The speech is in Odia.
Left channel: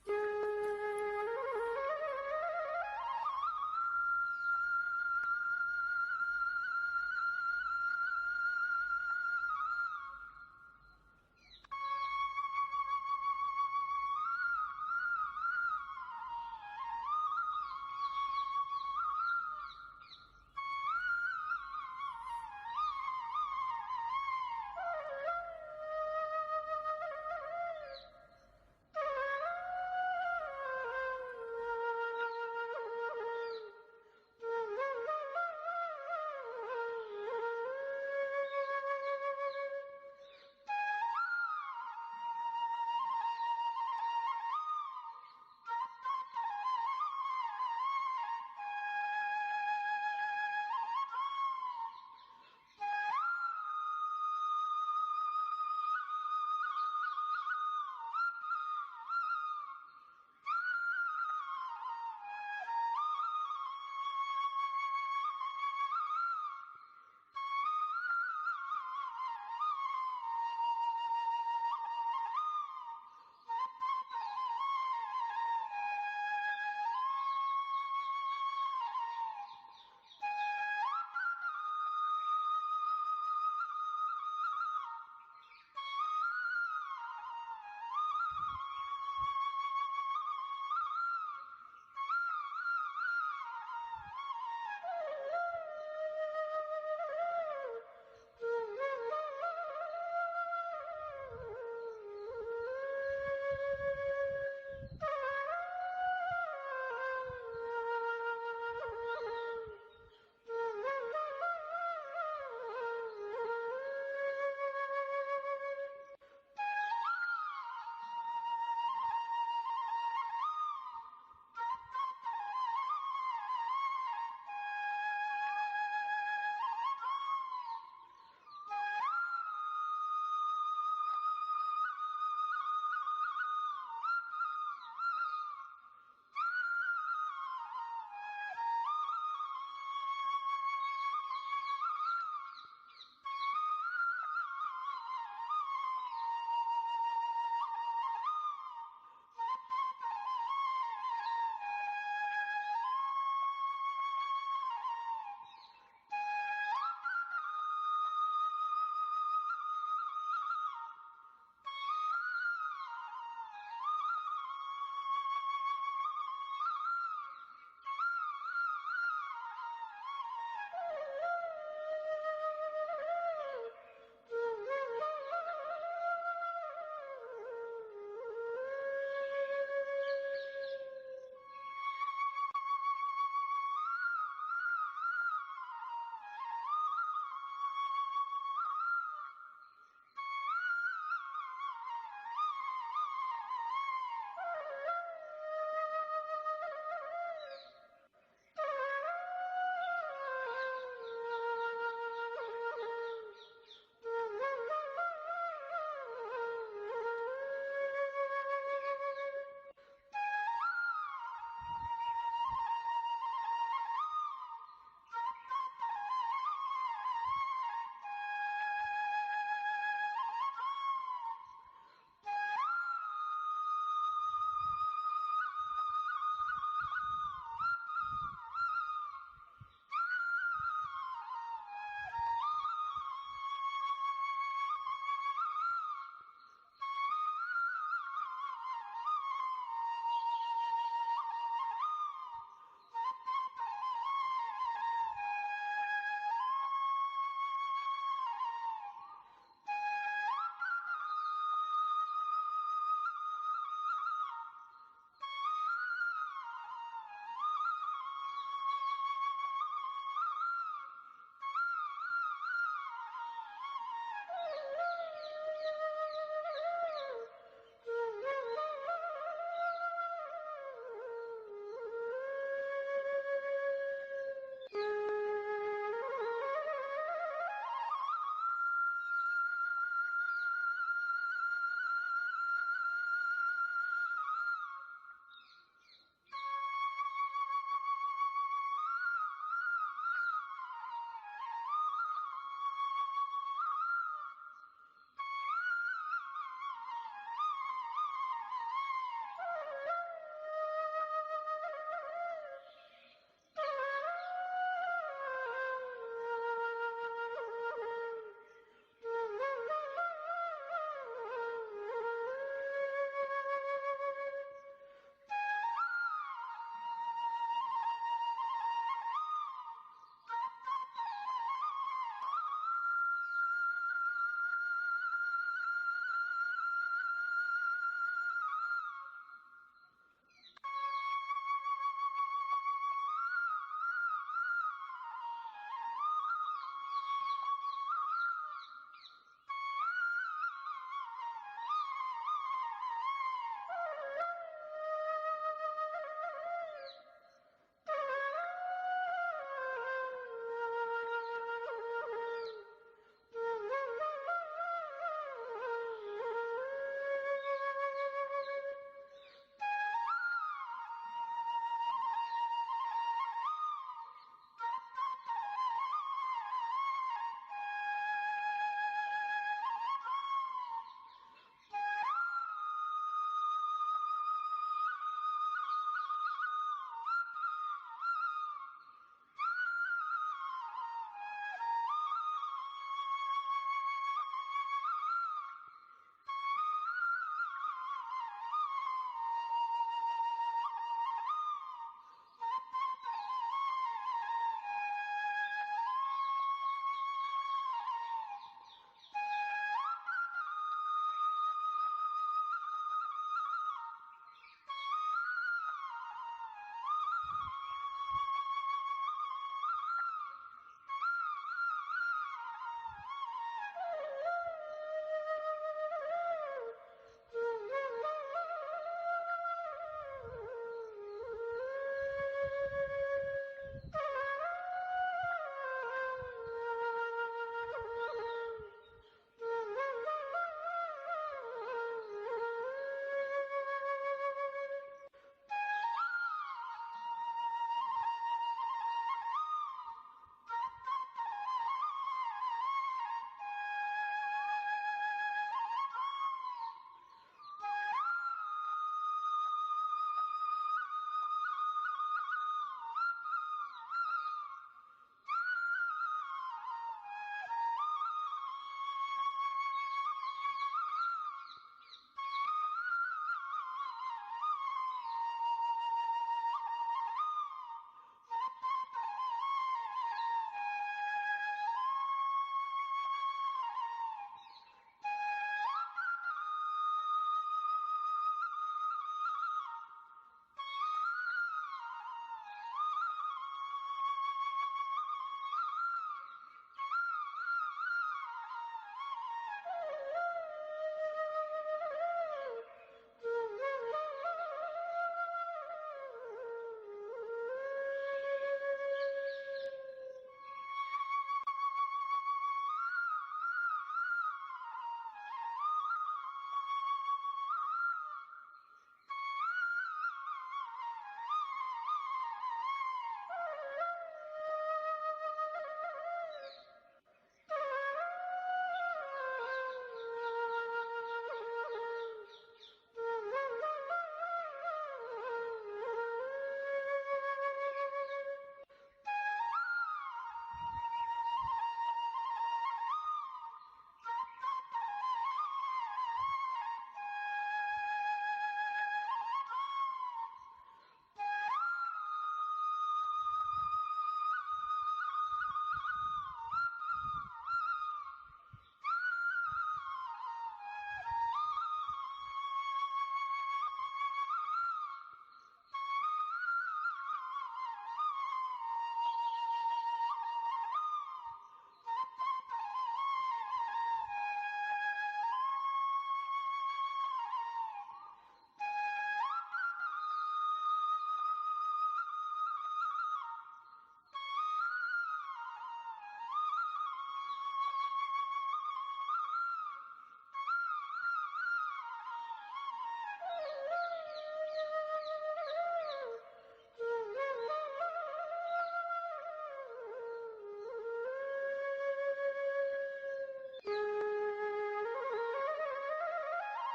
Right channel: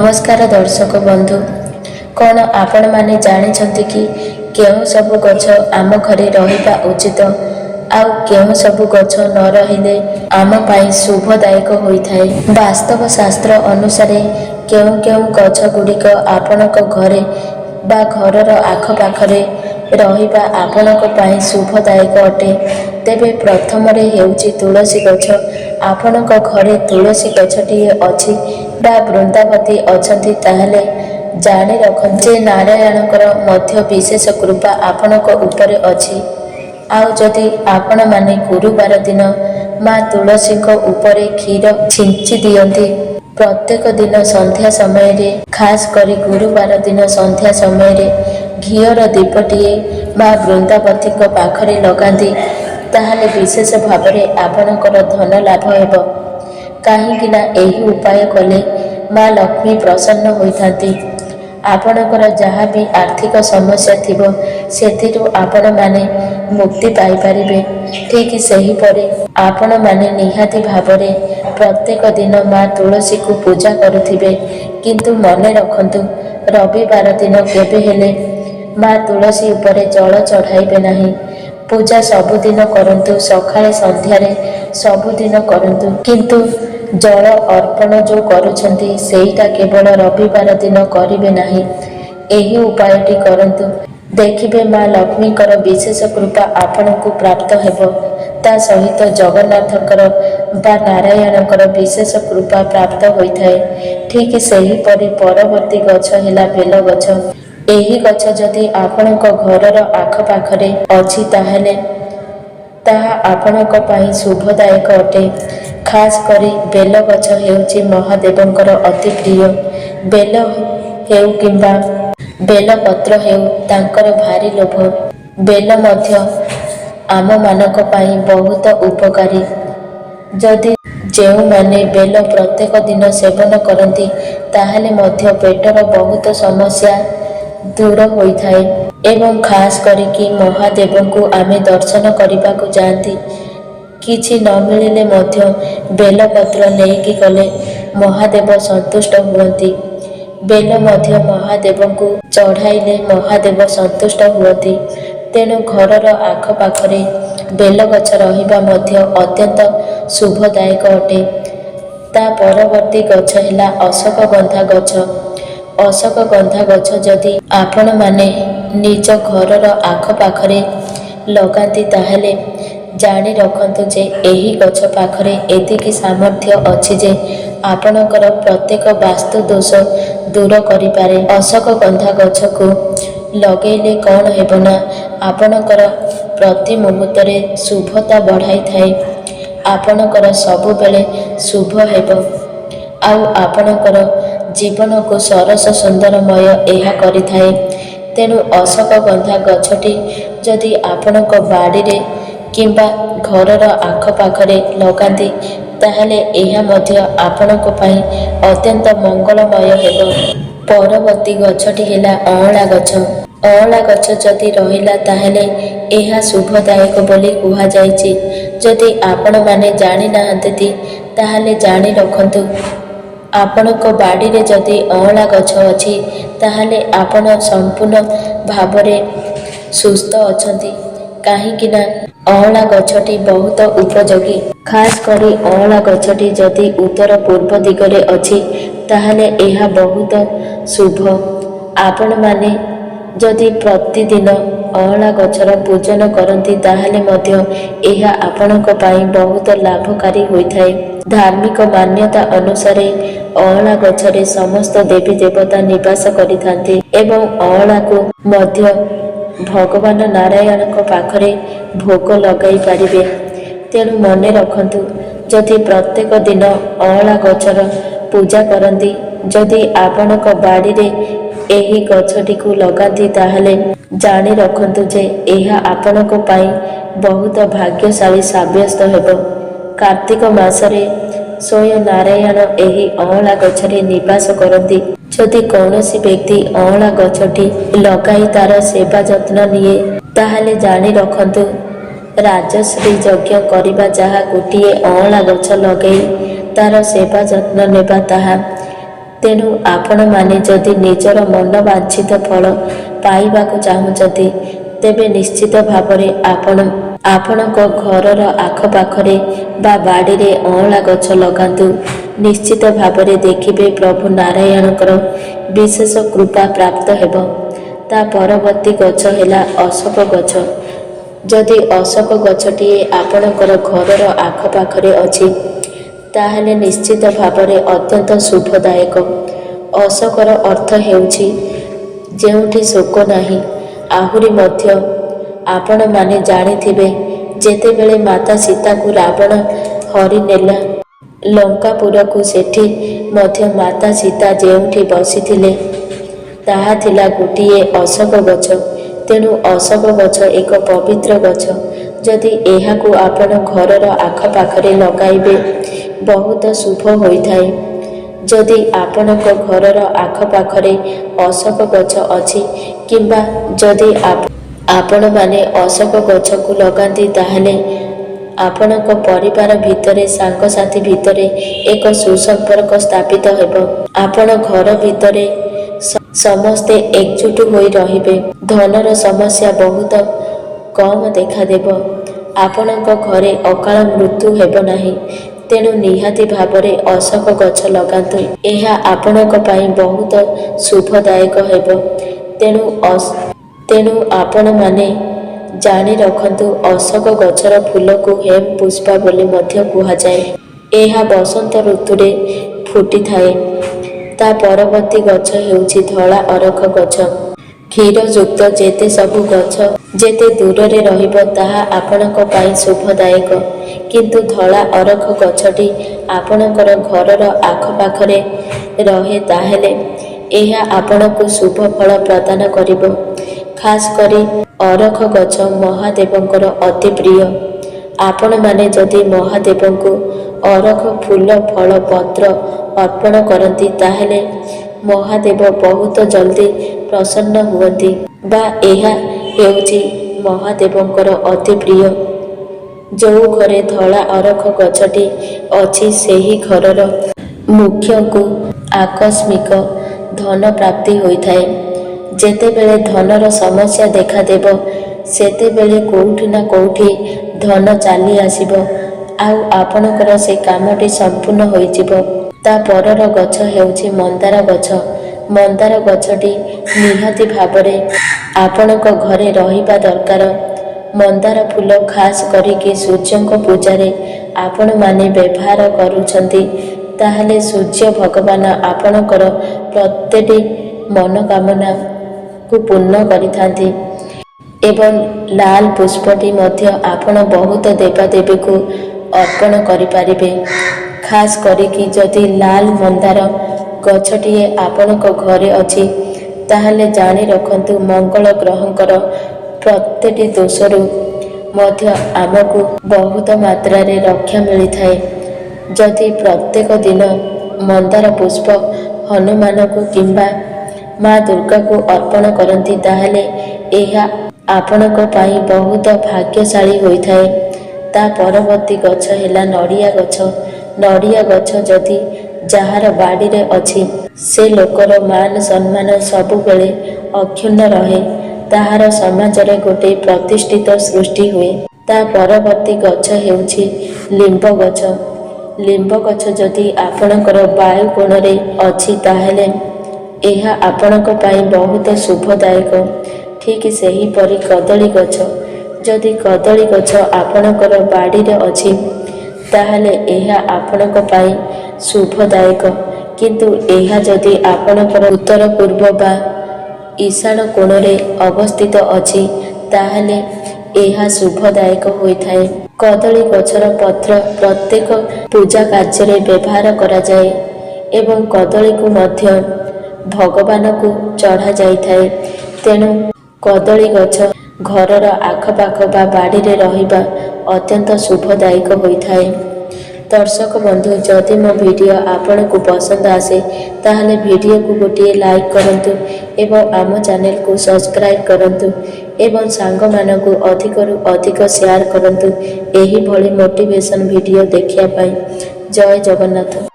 नमस्कार दर्शक बंधु, कौन आपण माने जानिछंती कि केउं सबु गछ आम घरे रहिबा उचित आउ केउं सबु गछ न रहिले आम पाई शुभदायक होइथाए। वास्तव शास्त्र अनुसार केउं केउं गछ गुड़िक आपणक घरे बा घरर आखपाखरे रहिबा आपणक पाई शुभदायक अटे। तेबे प्रथमरे हेउची तुलसी गछ। आपणक घरे तुलसी गछटिए अछि बा वृंदावती अछंती ताहले जानि रखंतु जे नारायणकर मध्य विशेष कृपा आपणक उपरे अछि। आउ जदि आपण माने गुरुवार दिन माँ तुलसीक उपरे क्षीर छिंची दियंती प्रत्येक दिन संध्या समय रे, खास करी गुरुवार दिन संध्या समय रे घियर दीपटिए माँ वृंदावती पाखरे लगांती ताहले विशेष भावरे आपणकर धन लाभ हेब। काहींकिना एही उपाय कले माँ लक्ष्मी प्रसन्न होइथांती। आपणकर जहाँ भी आर्थिक समस्या थिबो सेथिरु आपण माने मुक्ति पाई पारिबे। ठीक सेहीपरि आपण माने निहाती भावरे प्रत्येक दिन माँ तुलसी को पूजा करुथिबे, किंतु मने रखंतु रविवार दिन केबे हेले माँ तुलसी उपरे जल चढ़ाइबे नाही। पूजा सबुदिन करंतु, सकाळे संध्यारे सबुदिन करंतु, किंतु जल अर्पण जो करुछंती सेईटा केवल रविवार दिन करिबे नाही। एही उपायटी करंतु, देखिबे माँ लक्ष्मीकर विशेष कृपा आपणकु प्राप्त हेब। ता सहित जगन्नाथकर बा नारायणकर विशेष कृपा प्राप्त होइथाए। ठीक सेहीपरि परवर्ती गछ हेला बेल गछ। एही गछ जदि आपणक घरर आखपाखरे अछि ताहले ताहा आपणक पाई शुभदायक अटे। खास करी बेल गछ हेउची महादेवंकर अति प्रिय। बेल हेउ किंबा बेल पत्र हेउ तांकर भारी लोभ। बेल मध्य आम मानक पाई बहुत उपकारी। जदि जेउ माने बेल प्रत्येक दिन सेवन करती ताहले मध्य पेटर बहुत समस्या दूर होइथाए। एवं खास करिकी महादेवंकु आमे दर्शन करिबाकु जाती किछि न मिलिले मध्य बेलपत्र नेइकी गले महादेव संतुष्ट हुअंती। बेल मध्य महादेवंकु चढ़ाइले महादेव संतुष्ट हुअंती। तेणु घरर आखपाखरे बेल गछ रहिबा मध्य अत्यंत शुभदायक अटे। ता परवर्ती गछ हेला अशोकगंधा गछ। अशोकगंधा गछ जदि आपण माने निज घरर आखपाखरे लगाती ताहले जानि रखंतु जे एही गछ पाखरे एतिकी सामर्थ्य अछि जे आपणकर प्रत्येक वास्तु दोष दूर करिपारे। अशोकगंधा गछकु लगेइले कौन हेबना आपणकर प्रति मुहूर्त्तरे शुभता बढ़ाई थाए। आपणकर सबुबेले शुभ हेब। आउ आपणकर जीवन को सरस सुंदरमय एहा करिथाए। तेणु अशोकगंधा गछटी जदि आपणक बाड़ीरे किंबा घरर आखपाखरे लगाती ताहले एहा मध्य आपणक पाई अत्यंत मंगलमय हेब। परवर्ती गछटी हेला अँला गछ। अँला गछ जदि रहिला ताहले एहा शुभदायक बोली कुहा जायछि। जदि आपण माने जानि नाहंती ताहले जानि रखंतु आपणक बाड़ीरे जदि अँला गछ अछि ताहले आपण संपूर्ण भावरे सुस्थ अछंती। काहींकिना अँला गछटी बहुत उपयोगी। खास करी अँला गछटी जदि उत्तर पूर्व दिगरे अछि ताहले एहा बहुत शुभ। आपण माने जदि प्रतिदिन अँला गछर पूजन करती ताहले मध्य एहा आपणक पाई बहुत लाभकारी होइथाए। धार्मिक मान्यता अनुसारे अँला गछरे समस्त देवी देवता निवास करिथांती एवं अँला को मध्य भगवान नारायणक पाखरे भोग लगाई पारिबे। तेणु मने रखंतु जदि प्रत्येक दिन अँला गछर पूजा करती जदि आपणक बाड़ीरे एही गछटी को लगाती ताहले जानि रखंतु जे एहा आपणक पाई बहुत भाग्यशाली साब्यस्त हेब। कार्तिक मासरे स्वयं नारायण एही अँला गछरे निवास करती। जदि कौनसी व्यक्ति अँला गछटी लगाई तार सेवा जत्न निये ताहले जानि रखंतु राजश्री यज्ञ करिबा जहा गोटिए अँला गछ लगेई तार सेवा जत्न नेबा ताहा ତେଣୁ ଆପଣମାନେ ଯଦି ନିଜର ମନବାଞ୍ଛିତ ଫଳ ପାଇବାକୁ ଚାହୁଁଛନ୍ତି, ତେବେ ନିଶ୍ଚିତ ଭାବରେ ଆପଣଙ୍କ ଘରର ଆଖପାଖରେ ବା ବାଡ଼ିରେ ଅଁଳା ଗଛ ଲଗାନ୍ତୁ। ନିଶ୍ଚିତ ଭାବରେ ଦେଖିବେ ପ୍ରଭୁ ନାରାୟଣଙ୍କର ବିଶେଷ କୃପା ପ୍ରାପ୍ତ ହେବ। ତା ପରବର୍ତ୍ତୀ ଗଛ ହେଲା ଅଶୋକ ଗଛ। ଯଦି ଅଶୋକ ଗଛଟିଏ ଆପଣଙ୍କର ଘରର ଆଖପାଖରେ ଅଛି, ତାହେଲେ ନିଶ୍ଚିତ ଭାବରେ ଅତ୍ୟନ୍ତ ଶୁଭଦାୟକ। ଅଶୋକର ଅର୍ଥ ହେଉଛି ଯେଉଁଠି ଶୋକ ନାହିଁ। ଆହୁରି ମଧ୍ୟ ଆପଣମାନେ ଜାଣିଥିବେ, ଯେତେବେଳେ ମାତା ସୀତାକୁ ରାବଣ ହରିନେଲା ଲଙ୍କାପୁରକୁ, ସେଠି ମଧ୍ୟ ମାତା ସୀତା ଯେଉଁଠି ବସିଥିଲେ ତାହା ଥିଲା ଗୋଟିଏ ଅଶୋକ ଗଛ। ତେଣୁ ଅଶୋକ ଗଛ ଏକ ପବିତ୍ର ଗଛ। ଯଦି ଏହାକୁ ଆପଣ ଘରର ଆଖପାଖରେ ଲଗାଇବେ, ବହୁତ ଶୁଭ ହୋଇଥାଏ। ଯଦି ଆପଣଙ୍କ ଘରର ଆଖପାଖରେ ଅଶୋକ ଗଛ ଅଛି କିମ୍ବା ଯଦି ଆପଣମାନେ ଅଶୋକ ଗଛକୁ ଲଗାନ୍ତି, ତାହେଲେ ଆପଣଙ୍କ ପରିବାର ଭିତରେ, ସାଙ୍ଗସାଥି ଭିତରେ ଏକ ସୁସମ୍ପର୍କ ସ୍ଥାପିତ ହେବ। ଆପଣ ଘର ଭିତରେ ସମସ୍ତେ ଏକଜୁଟ ହୋଇ ରହିବେ। ଧନର ସମସ୍ୟା ବହୁତ କମ୍ ଦେଖାଦେବ। ଆପଣଙ୍କ ଘରେ ଅକାଳ ମୃତ୍ୟୁ ହେବ ନାହିଁ। ତେଣୁ ନିହାତି ଭାବରେ ଅଶୋକ ଗଛ ଲଗାନ୍ତୁ। ଏହା ଆପଣଙ୍କ ପାଇଁ ବହୁତ ଶୁଭଦାୟକ ହେବ। ତେଣୁ ଆପଣମାନେ ଜାଣି ରଖନ୍ତୁ, ଅଶୋକ ଗଛର ଫୁଲକୁ ହେମ୍ ପୁଷ୍ପା ବୋଲି ମଧ୍ୟ କୁହାଯାଏ। ଏହା ବସନ୍ତ ଋତୁରେ ଫୁଟିଥାଏ। ତା ପରବର୍ତ୍ତୀ ଗଛ ହେଉଛି ଧଳା ଅରଖ ଗଛ। କ୍ଷୀରଯୁକ୍ତ ଯେତେ ସବୁ ଗଛ ଯେତେ ଦୂରରେ ରହିବ, ତାହା ଆପଣଙ୍କ ପାଇଁ ଶୁଭଦାୟକ। କିନ୍ତୁ ଧଳା ଅରଖ ଗଛଟି ଆପଣଙ୍କର ଘରର ଆଖପାଖରେ ରହେ, ତାହେଲେ ଏହା ଆପଣଙ୍କୁ ଶୁଭ ଫଳ ପ୍ରଦାନ କରିବ। ଖାସ୍ କରି ଅରଖ ଗଛ ମହାଦେବଙ୍କର ଅତି ପ୍ରିୟ। ଆପଣମାନେ ଯଦି ମହାଦେବଙ୍କୁ ଅରଖ ଫୁଲ, ଫଳ, ପତ୍ର ଅର୍ପଣ କରନ୍ତି, ତାହେଲେ ମହାଦେବ ବହୁତ ଜଲ୍ଦି ପ୍ରସନ୍ନ ହୁଅନ୍ତି, ବା ଏହା ହେଉଛି ମହାଦେବଙ୍କର ଅତି ପ୍ରିୟ। ଯେଉଁ ଘରେ ଧଳା ଅରଖ ଗଛଟି ଅଛି, ସେହି ଘରର ମୁଖ୍ୟଙ୍କୁ ଆକସ୍ମିକ ଧନ ପ୍ରାପ୍ତି ହୋଇଥାଏ। ଯେତେବେଳେ ଧନର ସମସ୍ୟା ଦେଖାଦେବ, ସେତେବେଳେ କେଉଁଠି ନା କେଉଁଠି ଧନ ଚାଲି ଆସିବ, ଆଉ ଆପଣଙ୍କର ସେ କାମଟି ସମ୍ପୂର୍ଣ୍ଣ ହୋଇଯିବ। ତା ପରର ଗଛ ହେଉଛି ମନ୍ଦାର ଗଛ। ମନ୍ଦାର ଗଛଟି ନିହାତି ଭାବରେ ଆପଣଙ୍କ ଘରେ ରହିବା ଦରକାର। ମନ୍ଦାର ଫୁଲ ଖାସ୍ କରିକି ସୂର୍ଯ୍ୟଙ୍କ ପୂଜାରେ ଆପଣମାନେ ବ୍ୟବହାର କରୁଛନ୍ତି, ତାହେଲେ ସୂର୍ଯ୍ୟ ଭଗବାନ ଆପଣଙ୍କର ପ୍ରତ୍ୟେକଟି ମନୋକାମନାକୁ ପୂର୍ଣ୍ଣ କରିଥାନ୍ତି। ଏବଂ ଲାଲ ପୁଷ୍ପଟି ମଧ୍ୟ ଆପଣ ବହୁତ ଦେବାଦେବୀଙ୍କୁ ଅର୍ପଣ କରିପାରିବେ। ଖାସ୍ କରିକି ଯଦି ଲାଲ ମନ୍ଦାର ଗଛଟିଏ ଆପଣଙ୍କ ଘରେ ଅଛି, ତାହେଲେ ଜାଣି ରଖନ୍ତୁ, ମଙ୍ଗଳ ଗ୍ରହଙ୍କର ପ୍ରତ୍ୟେକଟି ଦୋଷରୁ ମଧ୍ୟ ଆମକୁ ବହୁତ ମାତ୍ରାରେ ରକ୍ଷା ମିଳିଥାଏ। ଯଦି ପ୍ରତ୍ୟେକ ଦିନ ମନ୍ଦାର ପୁଷ୍ପ ହନୁମାନଙ୍କୁ କିମ୍ବା ମା ଦୁର୍ଗାଙ୍କୁ ଅର୍ପଣ କରନ୍ତି, ତାହେଲେ ଏହା ଆପଣଙ୍କ ପାଇଁ ବହୁତ ଭାଗ୍ୟଶାଳୀ ହୋଇଥାଏ। ତା ପରବର୍ତ୍ତୀ ଗଛ ହେଲା ନଡ଼ିଆ ଗଛ। ନଡ଼ିଆ ଗଛ ଯଦି ଯାହାର ବାଡ଼ିରେ ଅଛି, ସେ ଲୋକର ମାନ ସମ୍ମାନ ସବୁବେଳେ ଅକ୍ଷୁଣ୍ଣ ରହେ। ତାହାର ସମାଜରେ ଗୋଟିଏ ପ୍ରତିଷ୍ଠିତ ସୃଷ୍ଟି ହୁଏ। ତା ପରବର୍ତ୍ତୀ ଗଛ ହେଉଛି ଲିମ୍ବ ଗଛ। ଲିମ୍ବ ଗଛ ଯଦି ଆପଣଙ୍କର ବାୟୁକୋଣରେ ଅଛି, ତାହେଲେ ଏହା ଆପଣଙ୍କ ପାଇଁ ବହୁତ ଶୁଭଦାୟକ। ଠିକ୍ ସେହିପରି କଦଳୀ ଗଛ। ଯଦି କଦଳୀ ଗଛ ଆପଣଙ୍କର ବାଡ଼ିରେ ଅଛି, ତାହେଲେ ଏହା ଆପଣଙ୍କ ପାଇଁ ଶୁଭଦାୟକ। କିନ୍ତୁ ଏହା ଯଦି ଆପଣଙ୍କର ଉତ୍ତର, ପୂର୍ବ ବା ଈଶାନ କୋଣରେ ଅବସ୍ଥିତ ଅଛି, ତାହେଲେ ଏହା ଶୁଭଦାୟକ ହୋଇଥାଏ। କଦଳୀ ଗଛର ପତ୍ର ପ୍ରତ୍ୟେକ ପୂଜା କାର୍ଯ୍ୟରେ ବ୍ୟବହାର କରାଯାଏ ଏବଂ କଦଳୀକୁ ମଧ୍ୟ ଭଗବାନଙ୍କୁ ଚଢ଼ାଯାଇଥାଏ। ତେଣୁ କଦଳୀ ଗଛ ଘରର ଆଖପାଖ ବା ବାଡ଼ିରେ ରହିବା ଅତ୍ୟନ୍ତ ଶୁଭଦାୟକ ହୋଇଥାଏ। ଦର୍ଶକ ବନ୍ଧୁ, ଯଦି ମୋ ଭିଡ଼ିଓ ଆପଣଙ୍କୁ ପସନ୍ଦ ଆସେ, ତାହେଲେ ଭିଡ଼ିଓକୁ ଗୋଟିଏ ଲାଇକ୍ କରନ୍ତୁ ଏବଂ ଆମ ଚ୍ୟାନେଲକୁ ସବସ୍କ୍ରାଇବ୍ କରନ୍ତୁ ଏବଂ ସାଙ୍ଗମାନଙ୍କୁ ଅଧିକରୁ ଅଧିକ ସେୟାର କରନ୍ତୁ ଏହିଭଳି ମୋଟିଭେସନ୍ ଭିଡ଼ିଓ ଦେଖିବା ପାଇଁ। ଜୟ ଜଗନ୍ନାଥ।